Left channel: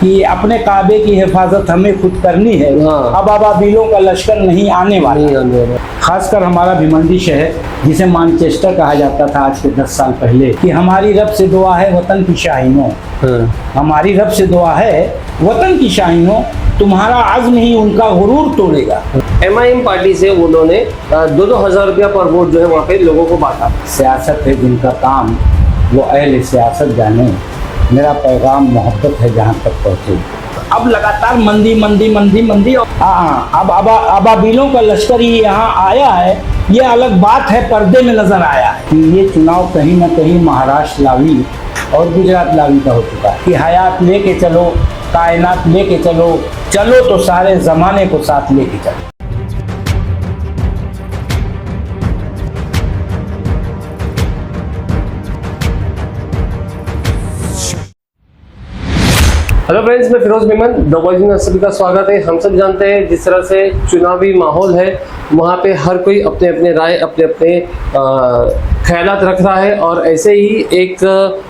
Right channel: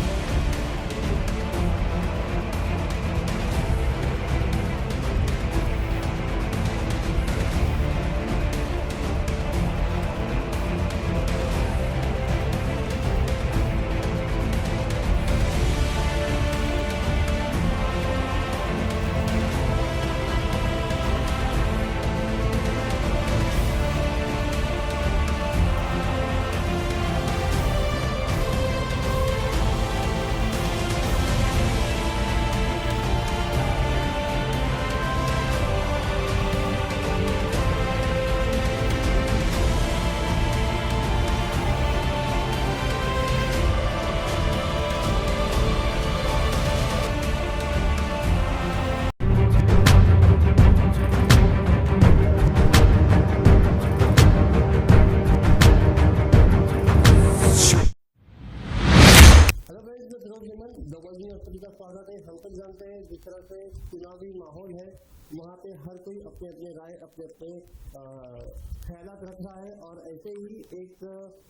कि अपने काबे की हिफाजत हमें खुद करनी है। अब अबाबिलों का लश्कर नहीं आने वाला। खासकर हमारा भिवंडी शहर जिसे मानचेस्टर कहा जाता था आज से 10 साल पहले, कि हमारी रब से दुआ है वतन की शाहीनों, हमारी रब से दुआ है वतन की शाहीनों, तुम्हारा अज़्म ही उनका गुरूर तोड़ेगा। MIM पार्टी से उन्होंने 2,000 रुपया पर वोट जो है वहाँ पे लोगों को बांटा। सियासत है जिनका काम वो अहले सियासत जाने, मेरा पैगाम मोहब्बत है जहाँ तक पहुँचे। अब लगातार मंदी मंदी मंदी मंदी, अब अबाबिलों का लश्कर ही यहाँ आया है। ये अलग बात है, पर्दे में नजर आया है कि ये चुनाव कहीं ना कहीं महाराष्ट्र लावी और गुजरात लावी का हो चुका है कि हयात लेके चलो, कायनात लेके चलो, चलो तो सारे जमाने को साथ लेके चलो। हेलो फ्रेंड्स, मैं फिरोज मेमन, द वॉइस में सभी का स्वागत है। हम सब जानते हैं जिस तरह से चुनावी माहौल है वहाँ पे हर कोई अपने अपने राय, अपने अपने ख्यालात रख रहा है, और ऐसे ही एक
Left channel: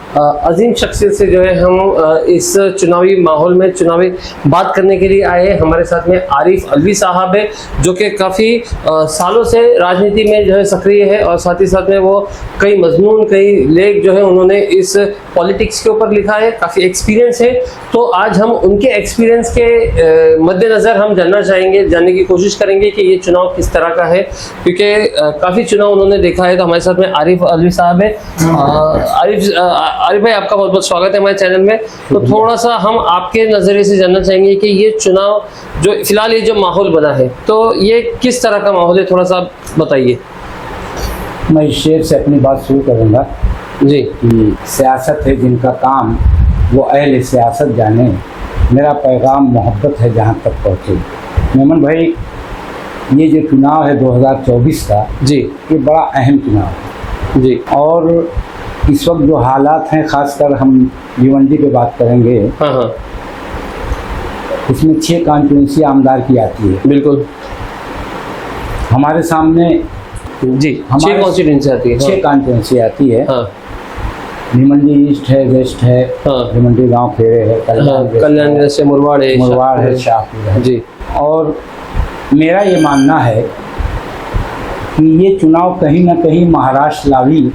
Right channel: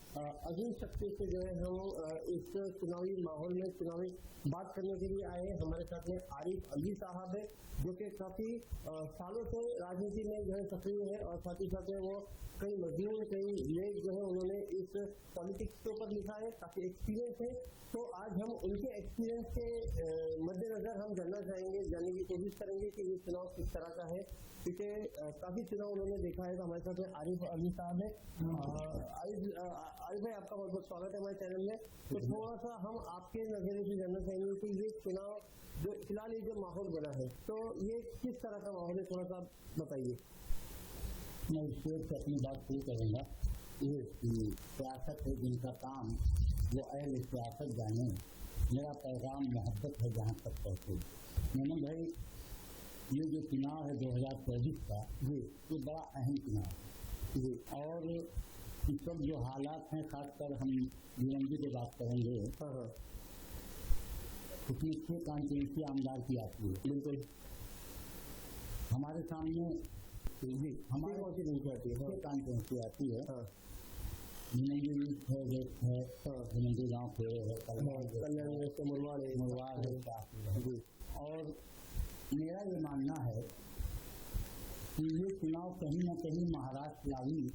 अजीम शख्सियत से जो है हम इस चुनावी माहौल में चुनावी बात करने के लिए आए हैं। हमारे साथ में आरिफ अलवी साहब है जो कि काफ़ी सालों से राजनीति में जो है सक्रिय है, और साथ ही साथ में वो कई मजमून, कई लेख जो है उन्होंने इस पॉलिटिक्स के ऊपर लिखा है, काफ़ी एक्सपीरियंस है। तो आज हम उनके एक्सपीरियंस के मद्देनज़र हम जानने की कोशिश करेंगे कि ये चुनाव किस तरह का है, क्योंकि काफ़ी चुनाव उन्होंने देखा है। तो हमारे साथ में आरिफ अलवी साहब है। आरिफ भाई, आपका बहुत बहुत स्वागत है हमारे चैनल में। तो थोड़ा सा हम आपके नज़रिए से जानना चाहेंगे कि ये चुनाव जो फिलहाल ये जो माहौल बना है, तो ये किस तरह का माहौल है, थोड़ा सा बताइए। मैं इस शेर से अपनी बात शुरू करूँगा जी। कि सियासत है जिनका काम वो अहले सियासत जाने, मेरा पैगाम मोहब्बत है जहाँ तक पहुँचे। मेमन भाई, ये जो चुनाव है 2024 का जी, ये बड़ा अहम चुनाव है जी। और इस वक्त जो हालात हैं, खासकर हम भिवंडी पे बात करेंगे। हाँ, इसमें 6 कॉन्स्टिट्यूंसी आमदार की आती है। बिल्कुल। हमारे सामने जी, 6 कॉन्स्टिट्यूंसी आती है। 6 कॉन्स्टिट्यूंसी आती है। हाँ, भिवंडी ईस्ट है, वेस्ट है, भिवंडी गांव खेड़े है, कल्याण से मुरवाड़ है, शाहपुर है जी। और मेरा ये मानना है कि ये चुनाव कहीं ना कहीं महाराष्ट्र लावी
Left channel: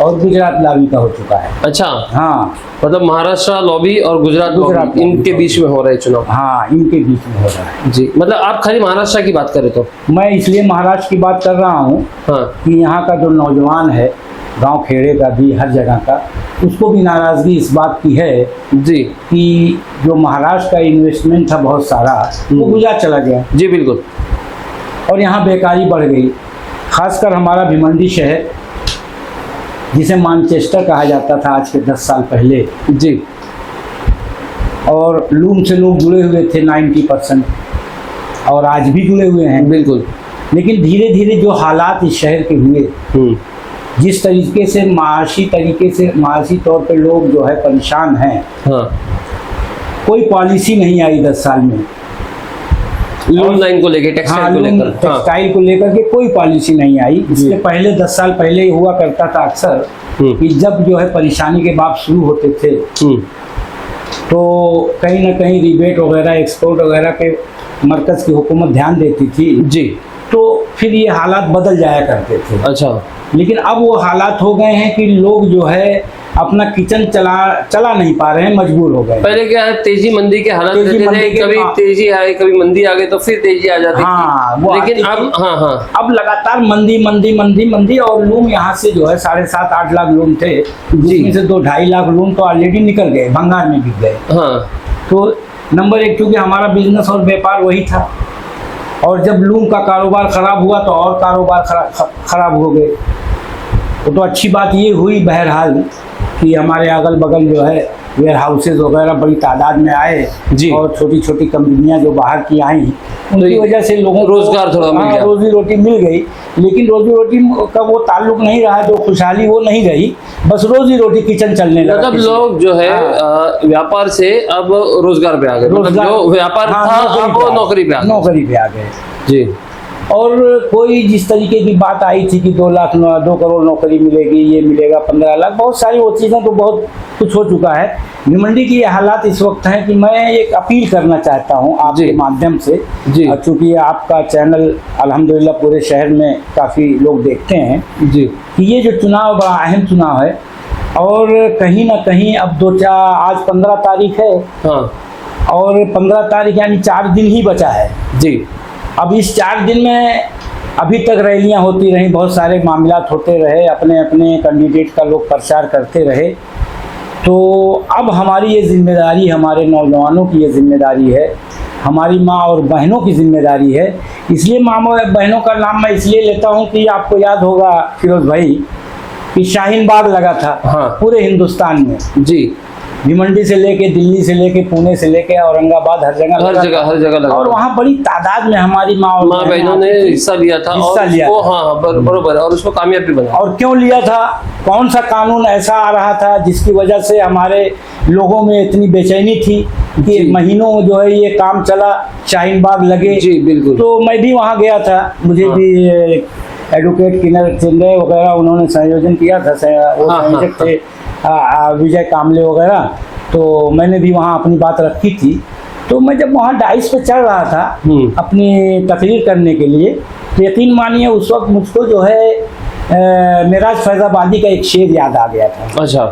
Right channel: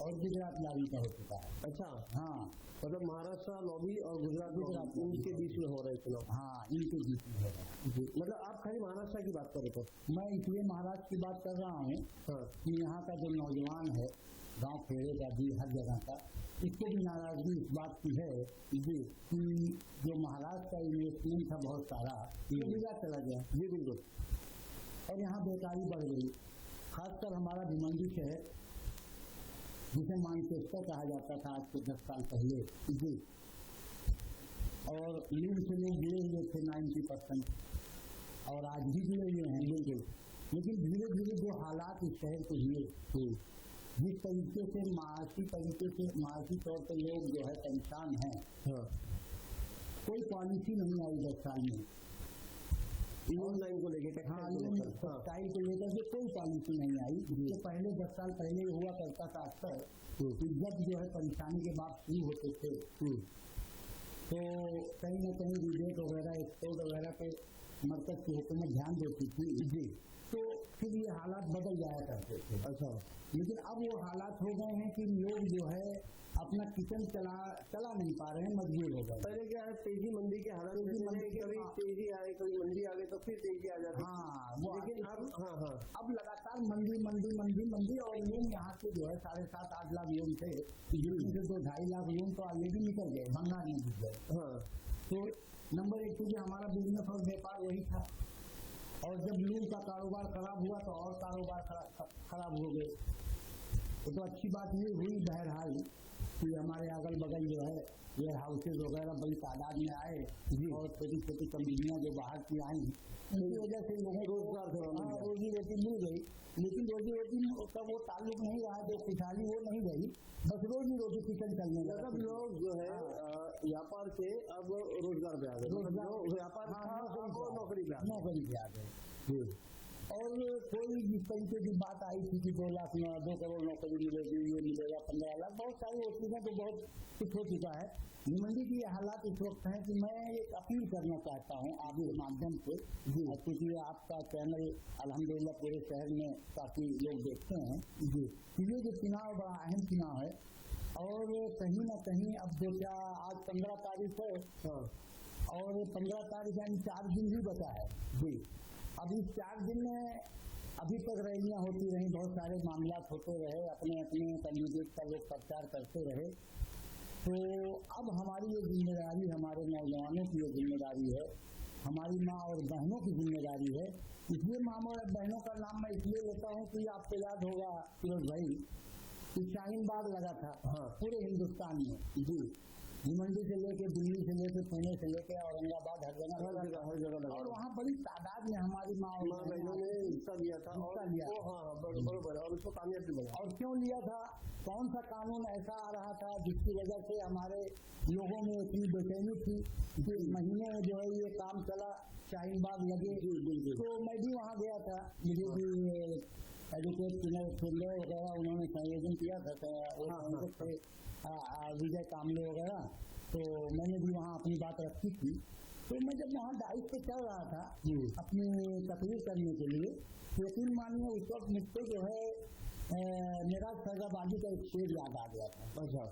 और गुजरात लावी का हो चुका है। अच्छा, हाँ, मतलब महाराष्ट्र लॉबी और गुजरात लॉबी इनके बीच में हो रहा है चुनाव। हाँ, इनके बीच में हो रहा है जी। मतलब आप खाली महाराष्ट्र की बात करें तो? मैं इसलिए महाराष्ट्र की बात कर रहा हूँ कि यहाँ का जो नौजवान है, गांव खेड़े का भी, हर जगह का, उसको भी नाराज़गी इस बात की है जी कि जो महाराष्ट्र का इन्वेस्टमेंट था बहुत सारा, वो गुजरात चला गया। जी, बिल्कुल। और यहाँ बेकारी बढ़ गई। खासकर हमारा भिवंडी शहर जिसे मानचेस्टर कहा जाता था आज के 10 साल पहले जी, और लूम से लोग जुड़े हुए थे 90%, और आज भी जुड़े हुए हैं, बिल्कुल। लेकिन धीरे धीरे जो हालात इस शहर के हुए, जिस तरीके से माशी तौर पे लोग जो है परेशान हैं। हाँ, कोई पॉलिसी नहीं आई 10 साल में लूम लाइन को लेकर, टेक्सटाइल को लेकर के कोई पॉलिसी नहीं आई। इससे पहले 10 साल पहले ही हुआ करता था अक्सर कि जब जो है परेशानी के बात शुरू होते थे तो कहीं ना कहीं रिबेट वगैरह, एक्सपोर्ट वगैरह पे मरकज़ की हुकूमत ध्यान देती थी जी, तो फिर ये हालात बदल जाया करते थे। अच्छा, लेकिन अब वो हालात हो गए हैं कि लोग जो है अपना किचन चला नहीं पा रहे हैं, मजबूर हो गए। पहले क्या है, तेजी मंदी के हालात रहते थे, कभी तेजी आए, कभी मंदी आ गई, तो फिर तेजी आ जाती थी। लेकिन अब अब लगातार मंदी मंदी मंदी मंदी, और लूम यहाँ से जो है 7.5-8 लाख लूम थे, जिसमें से 2-2.5 लाख लूम तो ऑलरेडी निकल गए, भंगार में बिक गए। तो नंबर 1, क्योंकि हमारा बिजनेस और व्यापार वही था, और जब लूम का कारोबार खराब हुआ तो और कारोबार खराब हो गए। तो अच्छी बात ये हुई बहरहाल कि हमारे अगल बगल जो है वेयर हाउसेज वगैरह बड़ी तादाद में आए जी, और छोटी छोटी कंपनियां जो बाहर की आई, उनकी वजह से लोगों को रोजगार थोड़ा मिल गया, रोजी रोटी मिल गई। लेकिन रोजी रोटी का वो ताल्लुक नहीं रहा, जो खुशहाली वो नहीं रही, बस रोजी रोटी किचन चलने लगा। मतलब लोग जो है व्यापार से अब रोजगार पे आ गए, मतलब जो व्यापार था अब वो नौकरी पे आ गए। जी, और कोई जिस तरीके की बात आई थी कि 2 करोड़ नौकरी मिलेगी, ये मिलेगा 15 लाख, बहुत सारी वो चीज़ें तो बहुत कुछ हो चुका है। भिवंडी की ये हालात इस वक्त हैं कि मैं एक अपील करना चाहता हूँ आपके माध्यम से, चूँकि आपका चैनल अल्हम्दुलिल्लाह पूरे शहर में काफ़ी लोग देखते हैं जी, कि ये जो चुनाव बड़ा अहम चुनाव है और कहीं ना कहीं अब आज 15 तारीख है, हाँ, और 15 तारीख यानी 4 दिन ही बचा है जी। अब इस 4 दिन में अभी तक रैलियां होती रहीं, बहुत सारे मामलात होते रहे, अपने अपने कैंडिडेट का लोग प्रचार करते रहे। तो अब हमारी ये जिम्मेदारी, हमारे नौजवानों की ये जिम्मेदारी है, हमारी माँ और बहनों की जिम्मेदारी है। इसलिए माँ और बहनों का नाम मैं इसलिए लेता हूँ कि आपको याद होगा फिरोज भाई कि शाहीन बाग लगा था, हाँ, पूरे हिंदुस्तान में जी, भिवंडी से लेके दिल्ली से लेके पुणे से लेके औरंगाबाद हर जगह लगा। और वहाँ बड़ी तादाद में हमारी माँ बहनों ने हिस्सा लिया था, हाँ बरोबर, और उसको कामयाबी बना। और क्यों लिया था? कौन सा कानून ऐसा आ रहा था जिसकी वजह से हमारे लोगों में इतनी बेचैनी थी कि महीनों जो है ये काम चला, शाहीन बाग लगे जी, बिल्कुल। तो मैं भी वहाँ गया था, मुझे भी एडवोकेट किन्नर चिंदे वगैरह उन्होंने संयोजन किया था, वो संयोजक थे विजय कामले वगैरह, तो मैंने भी वहाँ अपनी बात रखी थी। तो मैं जब वहाँ डाइस पे चढ़ रहा था अपनी तकरीर करने के लिए, तो यकीन मानिए उस वक्त मुझको जो है मेराज फैजाबादी का एक शेर याद आ गया था। अच्छा,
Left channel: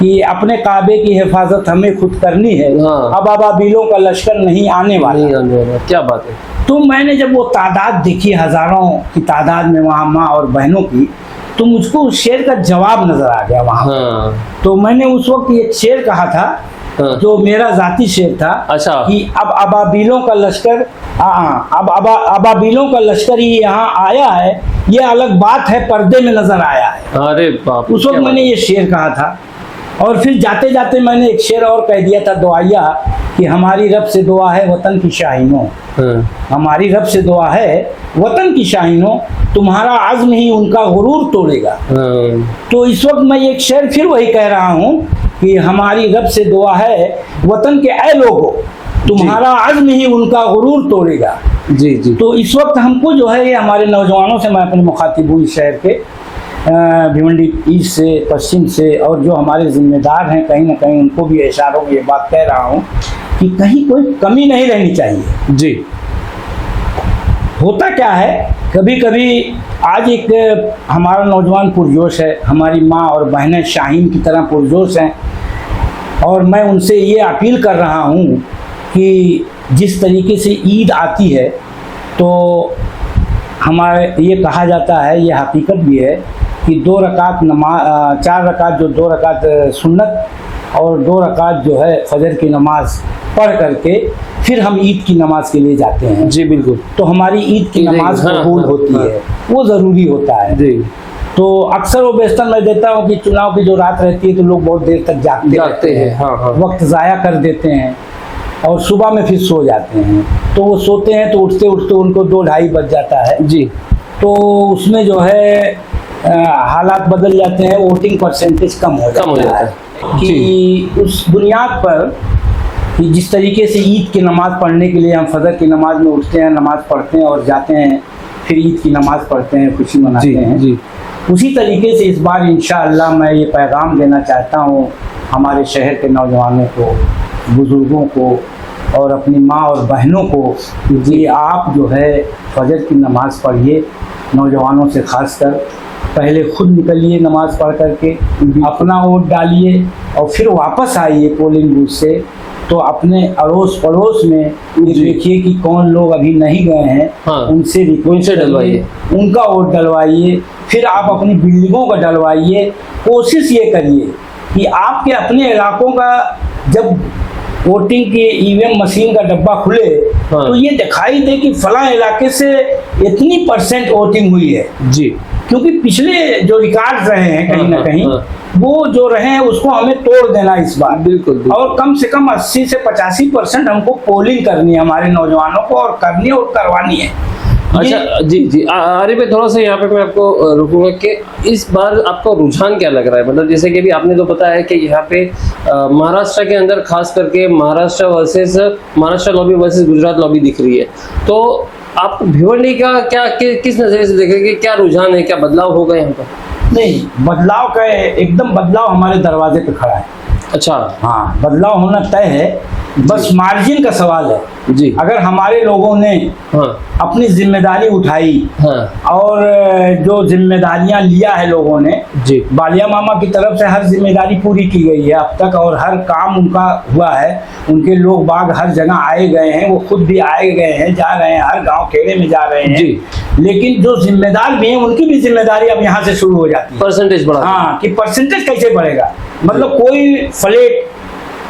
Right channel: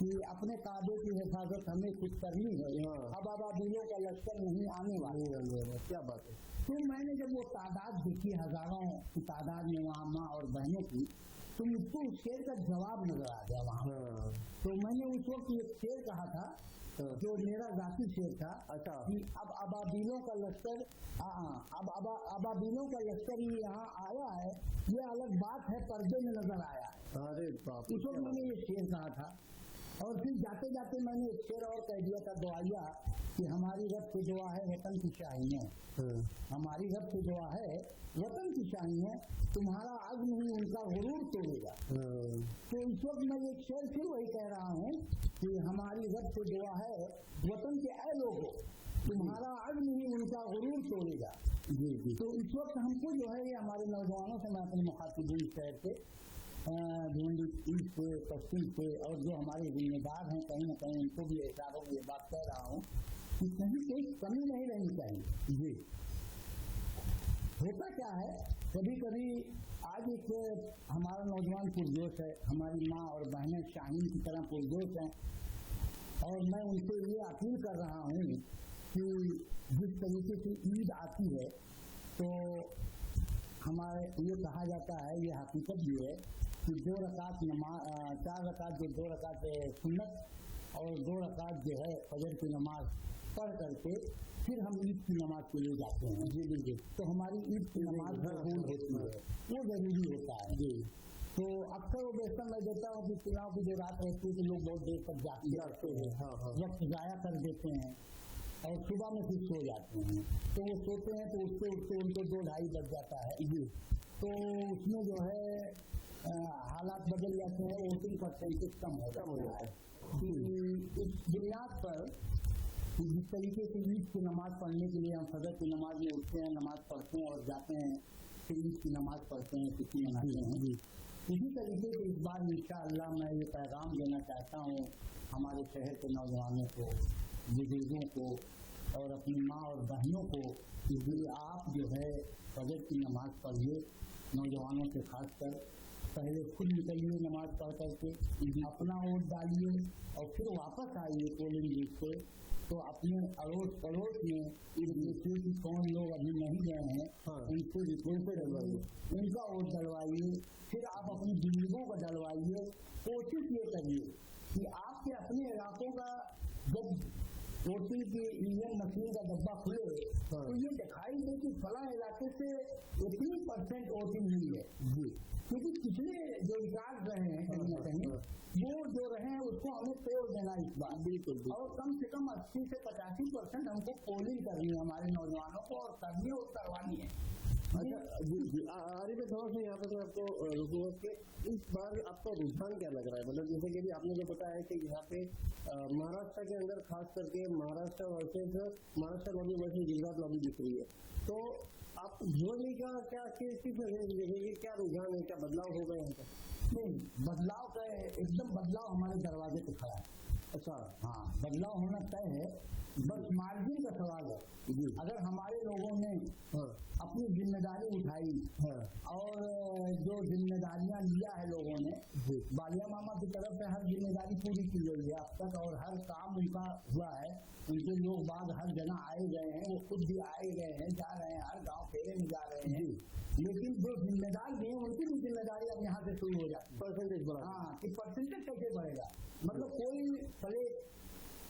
कि अपने काबे की हिफाजत हमें खुद करनी है, अब अबाबिलों का लश्कर नहीं आने वाला। क्या बात है। तो मैंने जब वो तादाद देखी, हजारों की तादाद में वहाँ माँ और बहनों की, तो मुझको उस शेर का जवाब नजर आ गया वहाँ। हाँ। तो मैंने उस वक्त एक शेर कहा था, हाँ, जो मेरा जाती शेर था। अच्छा। कि अब अबाबिलों का लश्कर, अब अबाबिलों का लश्कर ही यहाँ आया है, ये अलग बात है, पर्दे में नजर आया है। अरे बाप, उस वक्त मैंने ये शेर कहा था। और फिर जाते जाते मैंने एक शेर और कह दिया था दुआया, कि हमारी रब से दुआ है वतन की शाहीनों, हमारी रब से दुआ है वतन की शाहीनों, तुम्हारा आज़्म ही उनका गुरूर तोड़ेगा। तो इस वक्त मैं एक शेर फिर वही कह रहा हूँ कि हमारी रब से दुआ है वतन के ऐ लोगों, तुम्हारा आज़्म ही उनका गुरूर तोड़ेगा। जी जी। तो इस वक्त हमको जो है ये हमारे नौजवानों से, मैं अपने मुखातिब हूँ इस शहर के, भिवंडी ईस्ट से, पश्चिम से, और जो हमारे जिम्मेदार हैं कहीं ना कहीं उनको भी इशारों में ये बात कह रहा हूँ कि कहीं कोई कमी नहीं रहनी चाहिए जी। होता क्या है, कभी कभी आज एक हमारा नौजवान पुरजोश है, हमारी माँ और बहनें शाहीन की तरह पुरजोश हैं, और मैं उनसे ये अपील कर रहा हूँ कि जिस तरीके से ईद आती है तो हमारे ये कहा जाता है, ये हकीकत भी है कि 2 रकात नमाज, 4 रकात जो 2 रकात सुन्नत और 2 रकात जो है फजर की नमाज पढ़ करके फिर हम ईद की नमाज के लिए जाते हैं जी। बिल्कुल। तो हमारी ईद की नमाज कबूल होती है, वो ज़रूरी होता है जी। तो अक्सर वो बेहतर मैं देता हूँ कि चुनाव की जो रात रहती है तो लोग बहुत देर तक जागते हैं, हाँ। वक्त ज़ाया कर देते हैं और सुबह में फिर सो जाते हैं। तो वो सोते हैं तो उठते उठते उनको 2-2:30 बज जाता है जी। तो उसमें जो है हालात बदल जाते हैं, वोटिंग परसेंटेज कम हो जाता है कि उस बुनियाद पर कि जिस तरीके से ईद की नमाज़ पढ़ने के लिए हम फजर की नमाज में उठते हैं, नमाज़ पढ़ते हैं और जाते हैं, फिर ईद की नमाज़ पढ़ते हैं, खुशी मनाते हैं जी। उसी तरीके से इस बार इंशाअल्लाह मैं ये पैगाम देना चाहता हूँ हमारे शहर के नौजवानों को, बुज़ुर्गों को और अपनी माँ और बहनों को कि आप जो है फजर की नमाज़ पढ़िए, नौजवानों से ख़ासकर पहले खुद निकलिए नमाज़ पढ़ करके, अपना वोट डालिए और फिर वापस आइए पोलिंग बूथ से। तो अपने अड़ोस पड़ोस में ये देखिए कि कौन लोग अभी नहीं गए हैं, हाँ, उनसे रिक्वेस्ट डलवाइए, उनका वोट डलवाइए, फिर आप अपनी बिल्डिंगों का डलवाइए। कोशिश ये करिए कि आपके अपने इलाकों का जब वोटिंग के ईवीएम मशीन का डब्बा खुले, हाँ, तो ये दिखाई दे कि फला इलाके से इतनी % वोटिंग हुई है जी। क्योंकि पिछले जो रिकॉर्ड रहे हैं कहीं ना कहीं, वो जो रहे हैं उसको हमें तोड़ देना इस बार। बिल्कुल। और कम से कम 80 से 85% हमको पोलिंग करनी है हमारे नौजवानों को, और करनी है और करवानी है। अच्छा जी जी। आरिफ भाई, थोड़ा सा यहाँ पे मैं आपको रुकूंगा कि इस बार आपका रुझान क्या लग रहा है? मतलब जैसे कि अभी आपने तो बताया कि यहाँ पे महाराष्ट्र के अंदर खास करके Maharashtra lobby versus Gujarat lobby दिख रही है, तो आप भिवंडी का क्या किस नजरिए से देखेंगे, क्या रुझान है, क्या बदलाव होगा यहाँ पर? नहीं, बदलाव का एकदम बदलाव हमारे दरवाजे पे खड़ा है। अच्छा। हाँ, बदलाव होना तय है, बस मार्जिन का सवाल है जी। अगर हमारे लोगों ने अपनी जिम्मेदारी उठाई और जो जिम्मेदारियां लिया है लोगों ने जी, बालिया मामा की तरफ से हर जिम्मेदारी पूरी की गई है अब तक, और हर काम उनका हुआ है। उनके लोग बाग हर जगह आए गए हैं, वो खुद भी आए गए हैं, जा रहे हैं, हर गांव खेड़े में जा रहे हैं जी। लेकिन जो जिम्मेदार भी हैं उनकी भी जिम्मेदारी अब यहाँ से शुरू हो जाती है। परसेंटेज बढ़ा। हाँ, कि परसेंटेज कैसे बढ़ेगा, मतलब कोई फ्लैट,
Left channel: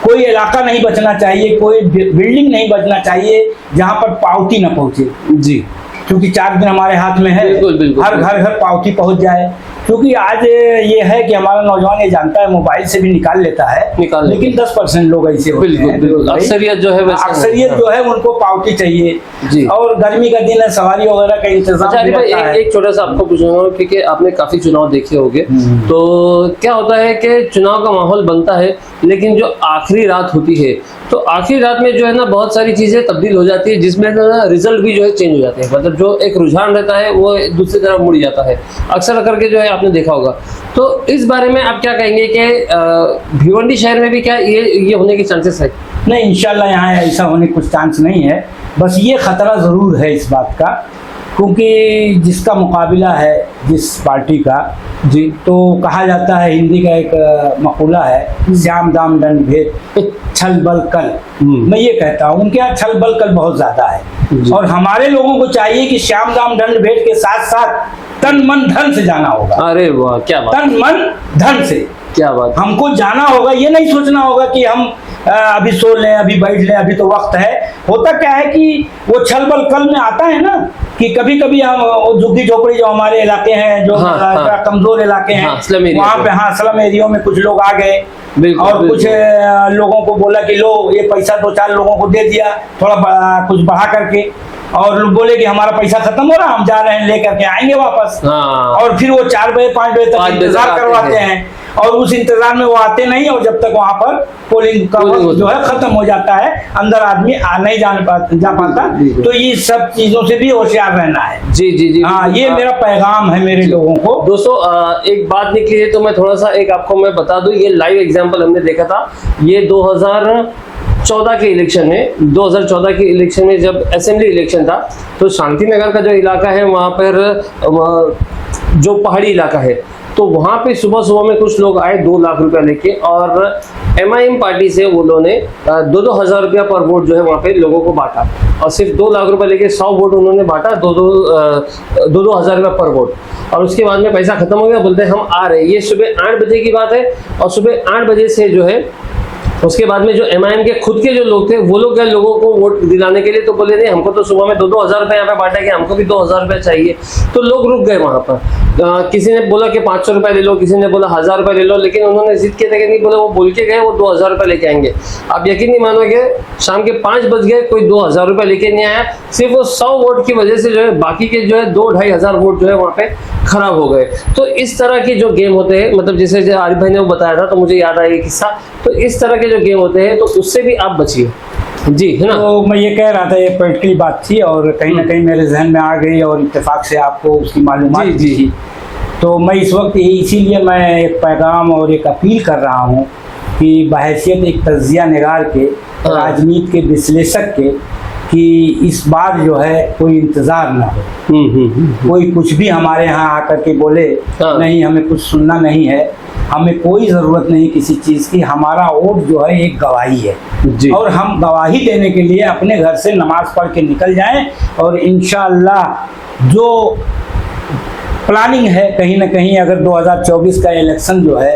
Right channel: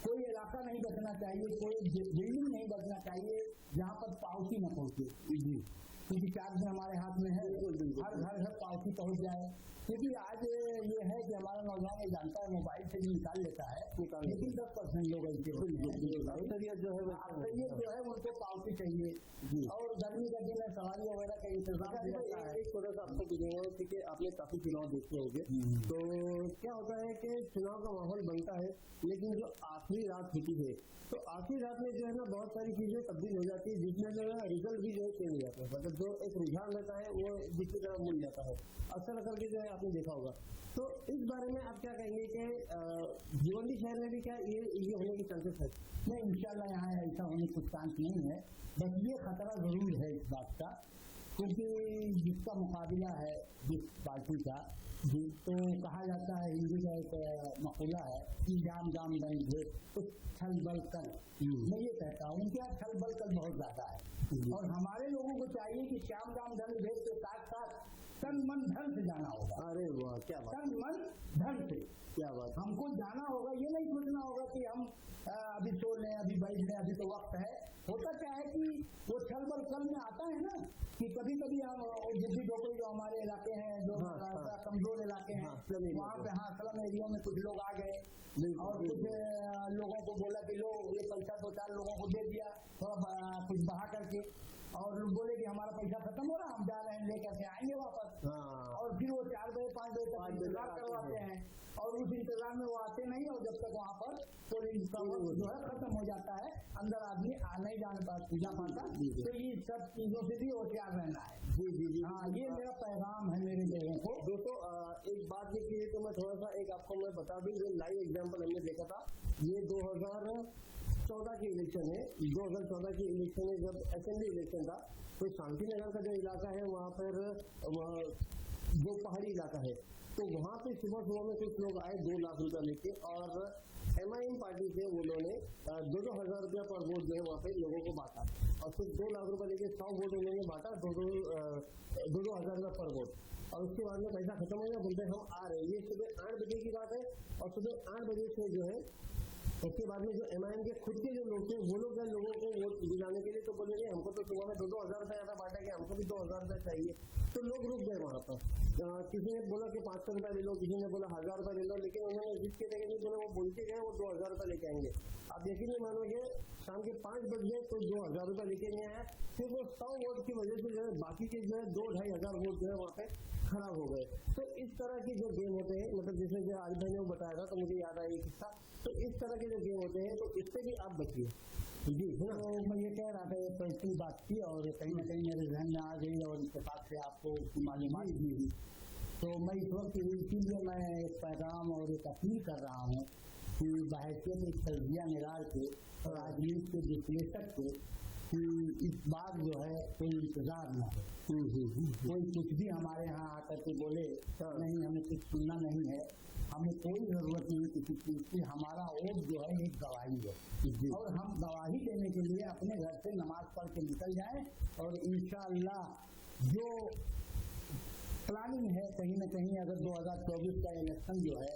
कोई इलाका नहीं बचना चाहिए, कोई बिल्डिंग नहीं बचना चाहिए जहाँ पर पावती न पहुँचे जी, क्योंकि 4 दिन हमारे हाथ में है। बिल्कुल, बिल्कुल, हर घर पावती पहुँच जाए, क्योंकि आज ये है कि हमारा नौजवान ये जानता है मोबाइल से भी निकाल लेता है, लेकिन 10% लोग ऐसे होते हैं। अक्सरियत जो है अक्सरियत जो है उनको पावती चाहिए जी। और गर्मी का दिन है, सवारी वगैरह का इंतजाम भी रहता है। एक छोटा सा आपको पूछूंगा, क्योंकि आपने काफी चुनाव देखे होंगे, तो क्या होता है कि चुनाव का माहौल बनता है, लेकिन जो आखिरी रात होती है तो आखिरी रात में जो है ना बहुत सारी चीजें तब्दील हो जाती है, जिसमें ना रिजल्ट भी जो है चेंज हो जाते हैं, मतलब जो एक रुझान रहता है वो दूसरी तरफ मुड़ जाता है अक्सर करके, जो है आपने देखा होगा। तो इस बारे में आप क्या कहेंगे कि भिवंडी शहर में भी क्या ये होने के चांसेस है? नहीं, इंशाल्लाह यहाँ ऐसा होने कुछ चांस नहीं है, बस ये खतरा जरूर है इस बात का, क्योंकि जिसका मुकाबला है जिस पार्टी का जी, तो कहा जाता है, हिंदी का एक मकूला है, श्याम दाम दंड भेद छल बल कल। मैं ये कहता हूँ उनके यहाँ छल बल कल बहुत ज्यादा है, और हमारे लोगों को चाहिए कि श्याम दाम दंड भेद के साथ साथ तन मन धन से जाना होगा। अरे वाह, क्या बात! तन मन धन से, क्या बात! हमको जाना होगा, ये नहीं सोचना होगा कि हम अभी सो लें, अभी बैठ लें, अभी तो वक्त है। होता क्या है कि वो छल बल कल में आता है ना, कि कभी कभी हम झुग्गी झोपड़ी जो हमारे इलाके हैं, जो कमजोर इलाके हैं, वहाँ पे स्लम एरिया में कुछ लोग आ गए और कुछ लोगों को बोला कि लो ये पैसा 2-4 लोगों को दे दिया, थोड़ा कुछ बढ़ा करके, और लोग बोले कि हमारा पैसा खत्म हो रहा, हम जा रहे हैं, लेकर के आएंगे वापस। और फिर वो 4 बजे 5 बजे तक इंतजार करवाते हैं, और उस इंतजार में वो आते नहीं, और जब तक वहाँ पर पोलिंग का वक्त जो है खत्म हो जाता है, अंदर आदमी नहीं जा पाता। तो ये सब चीजों से भी होशियार रहना है। जी जी जी, हाँ, ये मेरा पैगाम है मेरे लोगों को। दोस्तों, एक बात निकली है तो मैं थोड़ा सा एक आपको मैं बता दूं, ये लाइव एग्जांपल हमने देखा था, ये 2014 के इलेक्शन में, 2014 के इलेक्शन में जब असेंबली इलेक्शन था, तो शांति नगर का जो इलाका है वहाँ पर जो पहाड़ी इलाका है, तो वहाँ पे सुबह सुबह में कुछ लोग आए 2 लाख रुपया लेके, और MIM पार्टी से वो लोगों ने 2-2 हज़ार रुपया पर वोट जो है वहाँ पे लोगों को बांटा, और सिर्फ 2 लाख रुपया लेके 100 वोट उन्होंने बांटा, 2-2 हज़ार रुपया पर वोट। और उसके बाद में पैसा खत्म हो गया, बोलते हैं हम आ रहे हैं। ये सुबह 8 बजे की बात है, और सुबह 8 बजे से जो है उसके बाद में जो MIM के खुद के जो लोग थे वो लोग गए लोगों को वोट दिलाने के लिए, तो बोले नहीं हमको तो सुबह में 2-2 हज़ार रुपये यहाँ पे बांटा गया, हमको भी 2 हज़ार रुपये चाहिए। तो लोग रुक गए वहाँ पर, किसी ने बोला कि 500 रुपये ले लो, किसी ने बोला 1000 रुपये ले लो, लेकिन उन्होंने जिद के तक नहीं बोले, वो बोल के गए वो 2000 रुपये लेके आएंगे। आप यकीन नहीं मानोगे, शाम के 5 बज गए, कोई 2000 रुपये लेके नहीं आया, सिर्फ वो 100 वोट की वजह से जो है बाकी के जो है 2-2.5 हज़ार वोट जो है वहाँ पे खराब हो गए। तो इस तरह के जो गेम होते हैं, मतलब जैसे आरिफ भाई ने वो बताया था, तो मुझे याद आया ये किस्सा। तो इस तरह के जो गेम होते हैं तो उससे भी आप बचिए जी, है ना। तो मैं ये कह रहा था, ये पॉलिटिकल बात थी और कहीं ना कहीं मेरे जहन में आ गई, और इत्तेफाक से आपको उसकी मालूमात दी थी। तो मैं इस वक्त इसीलिए मैं एक पैगाम और एक अपील कर रहा हूँ कि बहैसियत एक तज्जिया निगार के, राजनीति के विश्लेषक के, कि इस बार जो है कोई इंतजार ना हो, कोई कुछ भी हमारे यहाँ आकर के बोले नहीं, हमें कुछ सुनना नहीं है, हमें कोई ज़रूरत नहीं किसी चीज़ की। हमारा वोट जो है एक गवाही है, और हम गवाही देने के लिए अपने घर से नमाज पढ़ के निकल जाएं, और इंशाअल्लाह जो प्लानिंग है कहीं ना कहीं, अगर 2024 का इलेक्शन जो है,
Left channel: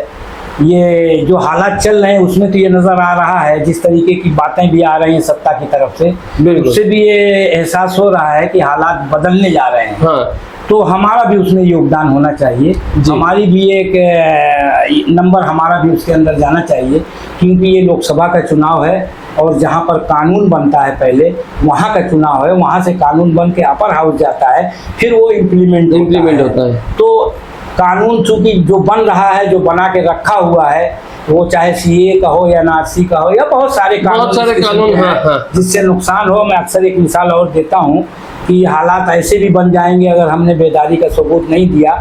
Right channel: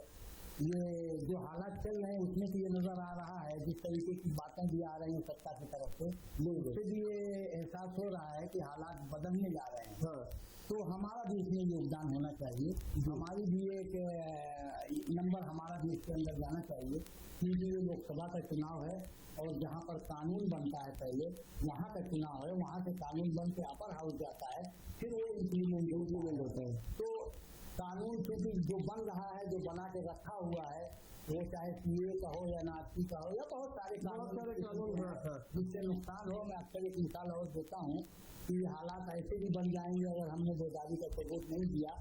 ये जो हालात चल रहे हैं उसमें तो ये नज़र आ रहा है, जिस तरीके की बातें भी आ रही हैं सत्ता की तरफ से, उससे भी ये एहसास हो रहा है कि हालात बदलने जा रहे हैं। तो हमारा भी उसमें योगदान होना चाहिए, हमारी भी एक नंबर हमारा भी उसके अंदर जाना चाहिए, क्योंकि ये लोकसभा का चुनाव है, और जहाँ पर कानून बनता है पहले वहाँ का चुनाव है, वहाँ से कानून बन के अपर हाउस जाता है, फिर वो इम्प्लीमेंट होता है। तो कानून चूंकि जो बन रहा है, जो बना के रखा हुआ है, वो चाहे CA का हो या NRC का हो या बहुत सारे कानून जिससे जिससे नुकसान हो। मैं अक्सर एक मिसाल और देता हूँ कि हालात ऐसे भी बन जाएंगे अगर हमने बेदारी का सबूत नहीं दिया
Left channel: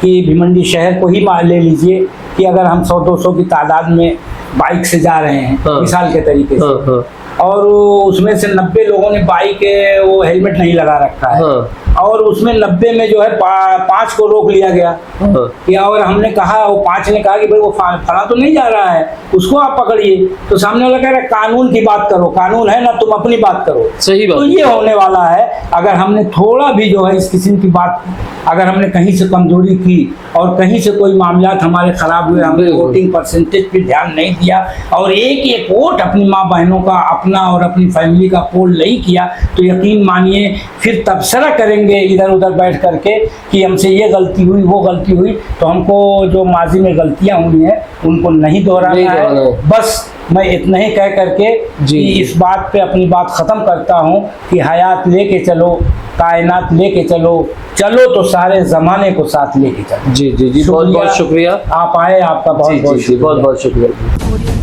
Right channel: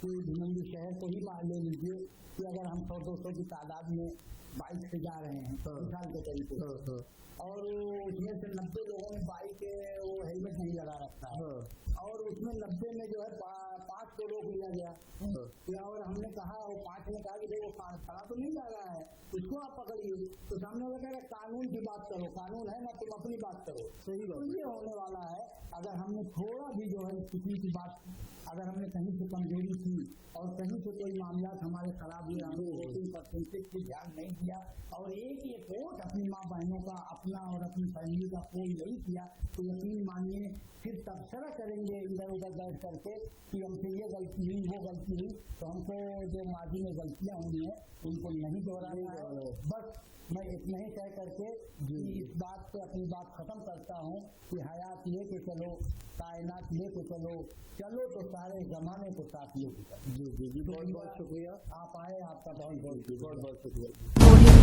कि भिवंडी शहर को ही ले लीजिए कि अगर हम 100-200 की तादाद में बाइक से जा रहे हैं, हाँ। मिसाल के तरीके से, हाँ, हाँ। और उसमें से 90 लोगों ने बाइक वो हेलमेट नहीं लगा रखा है, हाँ। और उसमें 90 में जो है 5 को रोक लिया गया हाँ। कि, और हमने कहा, वो 5 ने कहा कि भाई वो फला तो नहीं जा रहा है, उसको आप पकड़िए। तो सामने वाला कह रहा है कानून की बात करो, कानून है ना, तुम अपनी बात करो। सही बात। तो ये होने वाला है अगर हमने थोड़ा भी जो है इस किस्म की बात, अगर हमने कहीं से कमजोरी की और कहीं से कोई मामलात हमारे खराब हुए, हमने वोटिंग परसेंटेज पे ध्यान नहीं दिया और एक एक वोट अपनी माँ बहनों का, अपना और अपनी फैमिली का पोल नहीं किया, तो यकीन मानिए फिर तबसरा करेंगे इधर उधर बैठ करके कि हमसे ये गलती हुई, वो गलती हुई। तो हमको जो माजी में गलतियां हुई हैं उनको नहीं दोहराना है। बस मैं इतना ही कह करके कि इस बात पे अपनी बात ख़त्म करता हूँ कि हयात लेके चलो, कायनात लेके चलो, चलो तो सारे ज़माने को साथ लेके चलो। जी जी जी, बहुत बहुत शुक्रिया। आप आए, आपका बहुत बहुत शुक्रिया।